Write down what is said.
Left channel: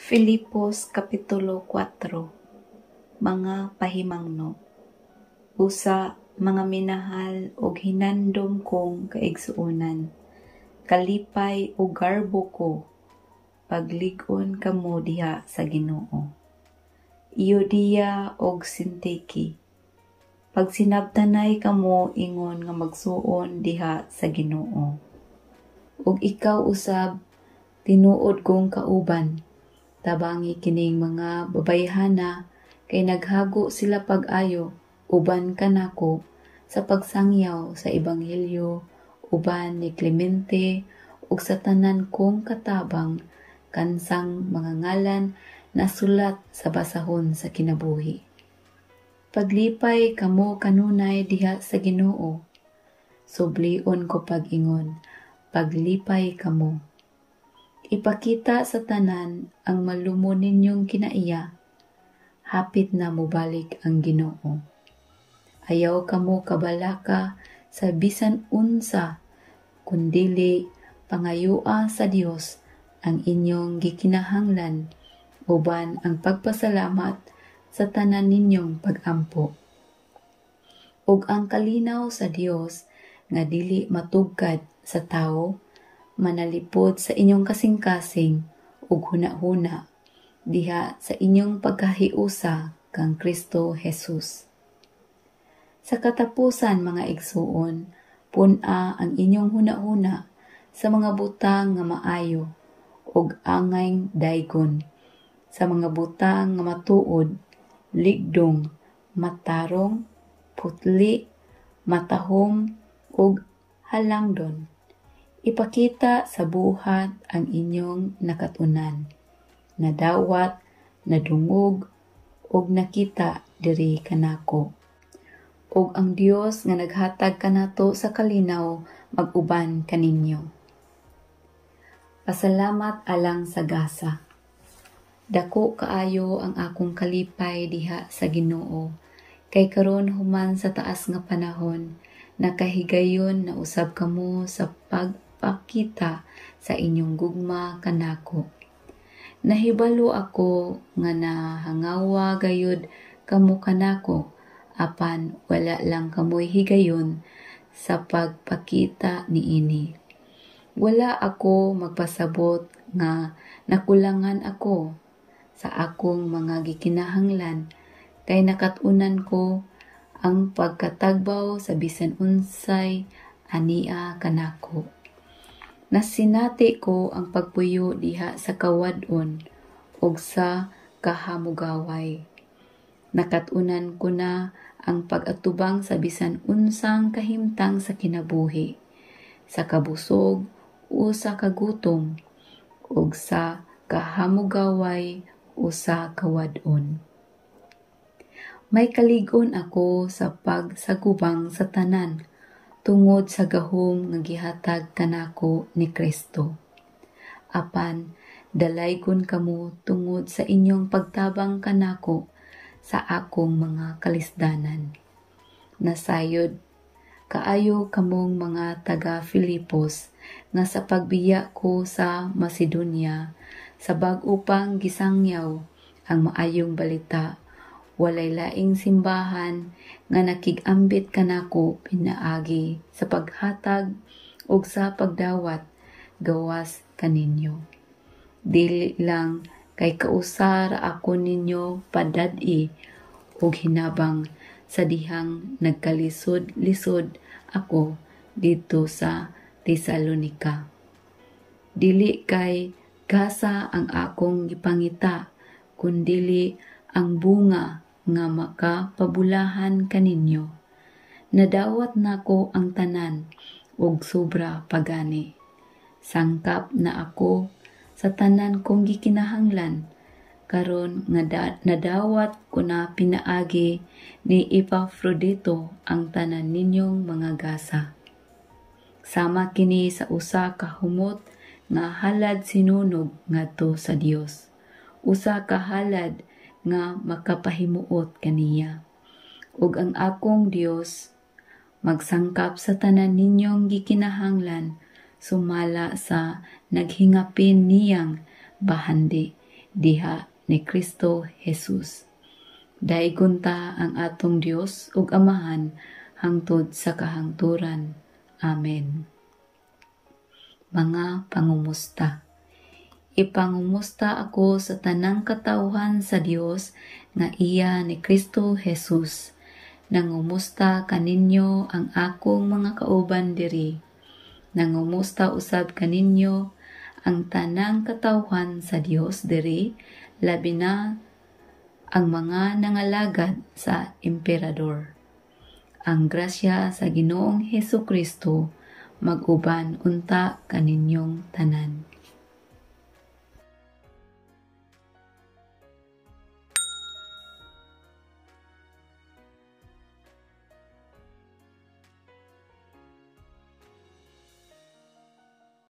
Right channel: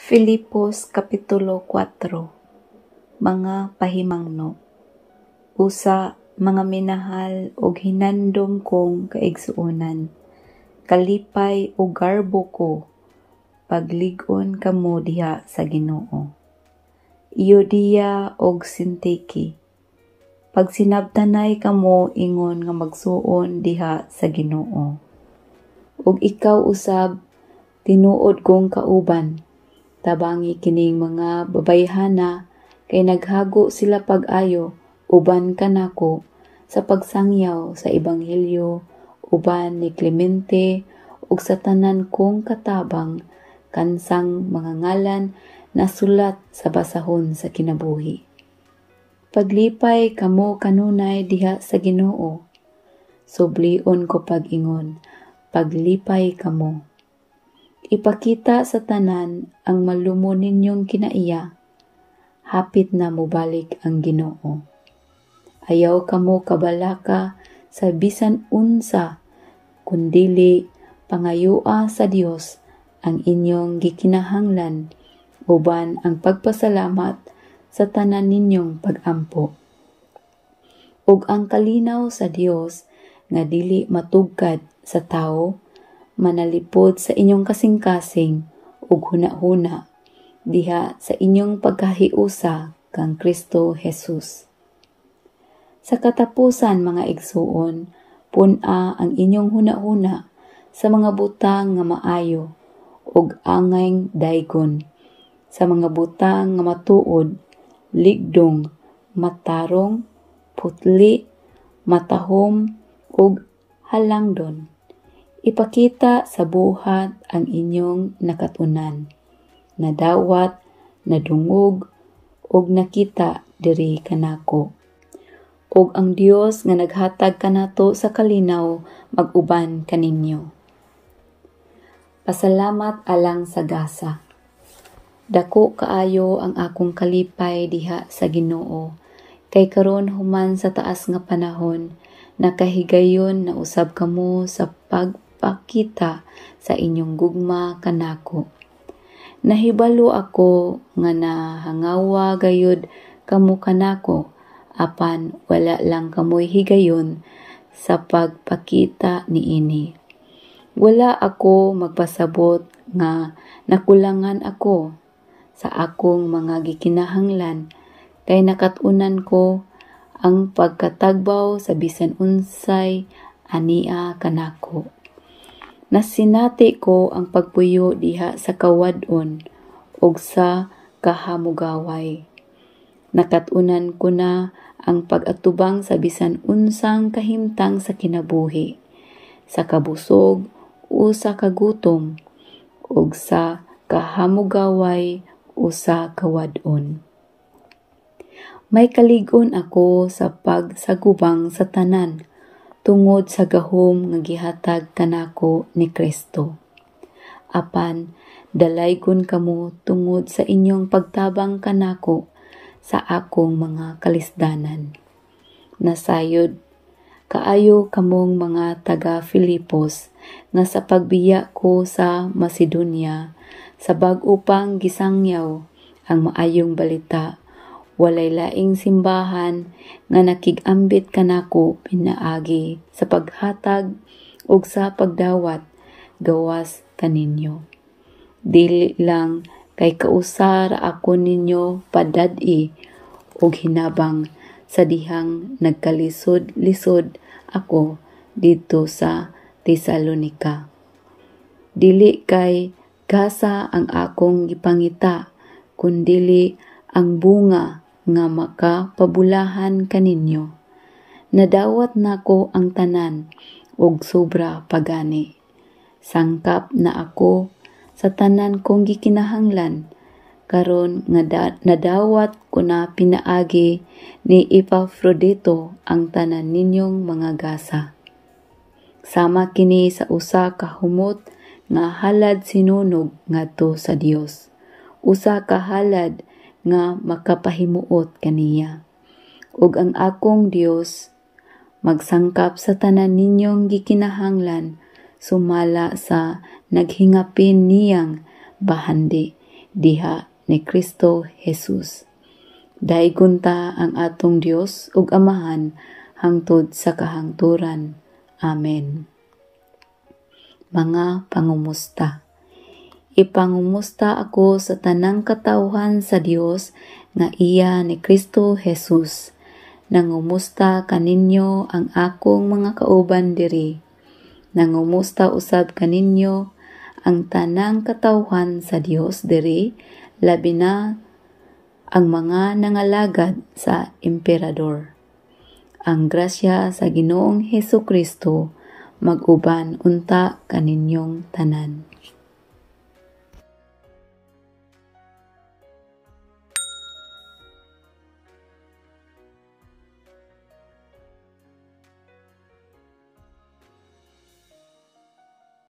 Filipos Kapitulo 4. Mga pahimangno. Usa, mga minahal og hinandom kong kaigsuonan, kalipay o garbo ko, paglig-on kamo diha sa Ginoo. Euodia og Syntyche, pag sinabtanay kamo ingon nga magsuon diha sa Ginoo. Ug ikaw usab, tinuod kong kauban, tabangi kining mga babayhana kay naghago sila pag-ayo uban kanako sa pagsangyaw sa ebanghelyo uban ni Clemente ug sa tanan kong katabang kansang mga ngalan na sulat sa basahon sa kinabuhi. Paglipay kamo kanunay diha sa Ginoo. Sublion ko pag-ingon, paglipay kamo. Ipakita sa tanan ang malumo ninyong kinaiya, hapit na mobalik ang Ginoo. Ayaw kamo kabalaka sa bisan unsa, kundili pangayua sa Dios ang inyong gikinahanglan, uban ang pagpasalamat sa tanan ninyong pag-ampo. Ug ang kalinaw sa Dios nga dili matugkad sa tao, manalipod sa inyong kasing-kasing ug huna-huna diha sa inyong pagkahiusa kang Kristo Jesus. Sa katapusan mga igsuon, pun-a ang inyong huna-huna sa mga butang nga maayo ug angayng daygon, sa mga butang nga matuod, ligdong, matarong, putli, matahom ug halangdon. Ipakita sa buhat ang inyong nakatunan, nadawat, nadungog, ug nakita diri kanako. Ug ang Dios nga naghatag kanato sa kalinaw mag-uban kaninyo. Pasalamat alang sa gasa. Dako kaayo ang akong kalipay diha sa Ginoo, kay karon human sa taas nga panahon, nakahigayon na usab kamo sa pagpakita sa inyong gugma kanako. Nahibalo ako nga nahangawa gayud kamo kanako, apan wala lang kamoy higayon sa pagpakita niini. Wala ako magpasabot nga nakulangan ako sa akong mga gikinahanglan, kay nakatunan ko ang pagkatagbaw sa bisan unsay ania kanako. Nasinati ko ang pagpuyo diha sa kawadon ug sa kahamugaway. Nakatunan ko na ang pag-atubang sa bisan unsang kahimtang sa kinabuhi, sa kabusog o sa kagutom, ug sa kahamugaway o sa kawadon. May kalig-on ako sa pagsagubang sa tanan, tungod sa gahom nga gihatag kanako ni Kristo. Apan, dalaygon kamo tungod sa inyong pagtabang kanako sa akong mga kalisdanan. Nasayod, kaayo kamong mga taga Filipos nga sa pagbiya ko sa Macedonia, sa bag-o pang gisangyaw ang maayong balita, walay laing simbahan nga nakig-ambit kanako pinaagi sa paghatag ug sa pagdawat gawas kaninyo. Dili lang kay kausar ako ninyo padad-i ug hinabang sa dihang nagkalisod-lisod ako dito sa Tesalonica. Dili kay gasa ang akong gipangita, kundili ang bunga nga makapabulahan kaninyo. Nadawat nako ang tanan ug sobra pagani. Sangkap na ako sa tanan kong gikinahanglan, karon nga nadawat ko na pinaagi ni Epafrodito ang tanan ninyong mga gasa. Sama kini sa usa ka humot nga halad sinunog ngadto sa Dios. Usa ka halad nga makapahimuot kaniya. Ug ang akong Dios magsangkap sa tanan ninyong gikinahanglan sumala sa naghingapin niyang bahandi diha ni Kristo Jesus. Daigon ta ang atong Dios ug Amahan hangtod sa kahangturan. Amen. Mga pangumusta. Ipangumusta ako sa tanang katawhan sa Dios nga iya ni Kristo Jesus. Nangumusta kaninyo ang akong mga kauban diri. Nangumusta usab kaninyo ang tanang katawhan sa Dios diri, labi na ang mga nangalagad sa emperador. Ang grasya sa Ginoong Hesukristo mag-uban unta kaninyong tanan.